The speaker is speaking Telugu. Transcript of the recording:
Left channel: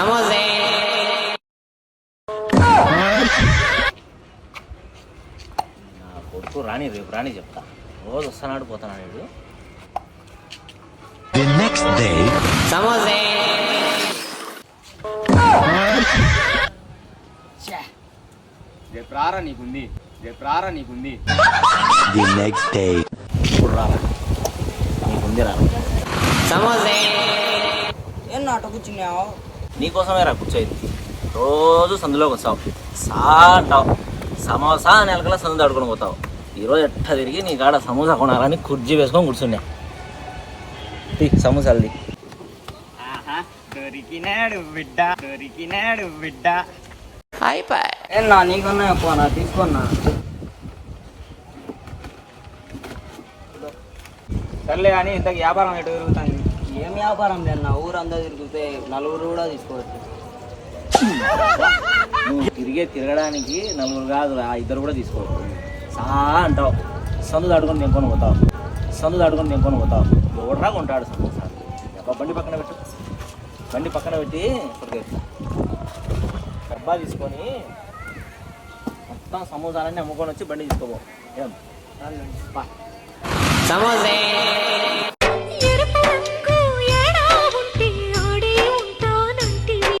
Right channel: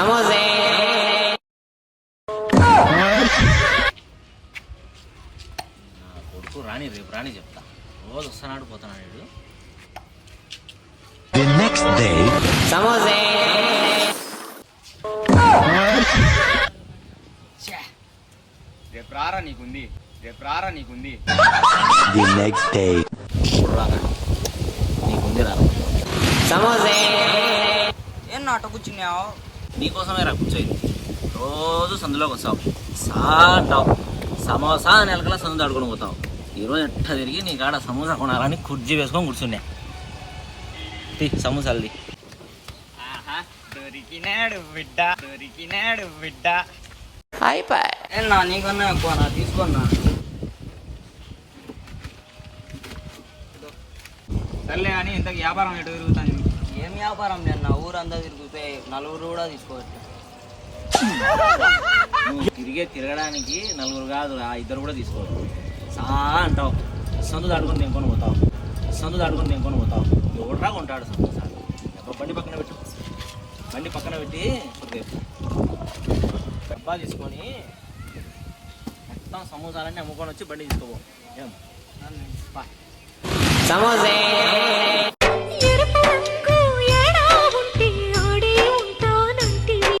సమోసే నా కొడుకు రాని రేపు రాని చెప్తా రోజు వస్తానాడు పోతానాడు వీడు. The next day, సమోసే రేపు రారా నీకుంది, రేపు రారా నీకుంది. the next day, ఇప్పుడు రారా నీకుంది రా. సమోసే ఏం నాట కూర్చున్నావు? నీకోసమే రా కూర్చోయింది. రోజు సందులోకి వస్తావు, సా అంటావు, సమోసా అని నెలకల్లా సందు దాడుకొని పోతావు. ఈరోజు ఎట్లా తిరిగి నీ కాడ సమోసా కొనాలని కుర్జీ వేసుకొని కూర్చున్నా. సమోసాలది దొరికినాడు బిడ్డ, దొరికినాడు బిడ్డ. అయిపోయి ఏనా నీకన్నా ఎక్కువ నా తీసుకున్నా. సర్లే కానీ ఇంతకు వ్యాపారం ఎటు తిరుగుతుంది? ఏం వ్యాపారం లేనా, ఊరంతా తిరిగితే నలుగురు కూడా తీసుకోవచ్చు. నువ్వు తిరగడానికి నలుగురు కాదు రా, ఇద్దరు కూడా తీసుకోవచ్చు. సా అంటావు, సందు దాడుకొని తెంకొని పోతావు, సందు దాడుకొని తెంకొని పోతావు. ఎవడరా కొంటాడు సమోసా? బండి పక్కన పెట్టు, బండి పక్కన పెట్టి ఇప్పుడు డబ్బా తీసుకొని మొత్తం సమోసాలన్నీ అమ్ముకొని వచ్చి బండి తీసుకోపో. ఏం సమోసే